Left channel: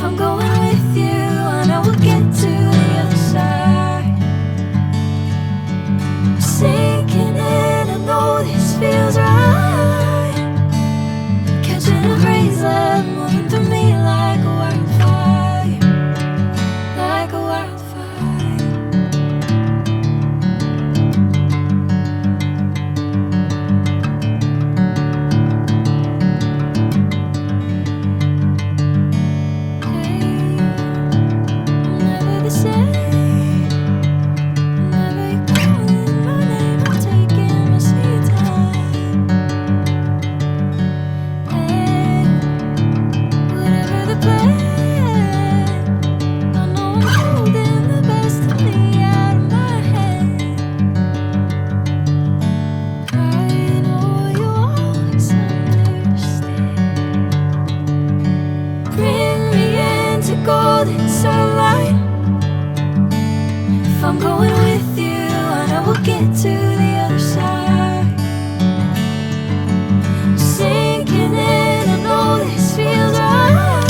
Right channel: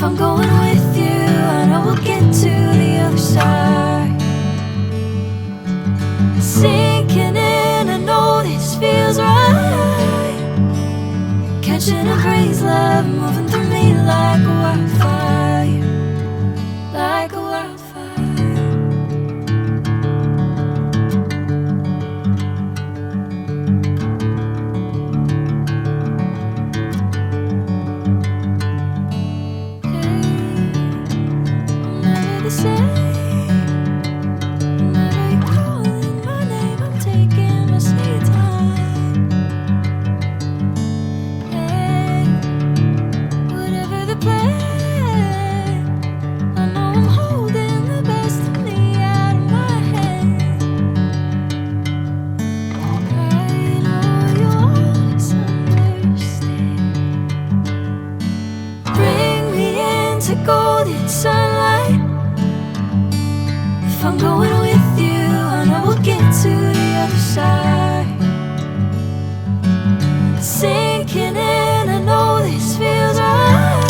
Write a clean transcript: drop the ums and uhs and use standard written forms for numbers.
If I'm going with you, I know we'll get to the other side. Sinking in, I know this feels right. Catching a crazy love, moving through me like a wildfire, like a wildfire. Hey, I'm never the same. Whenever you're calling my name, I'm taking my sweet time. Hey, whatever the plan, I know I'm holding the best of me out of my hand. I know you always understand. Bring me into golden sunlight. If I'm going with you, I know we'll get to the other side. Sinking in, I know this feels right.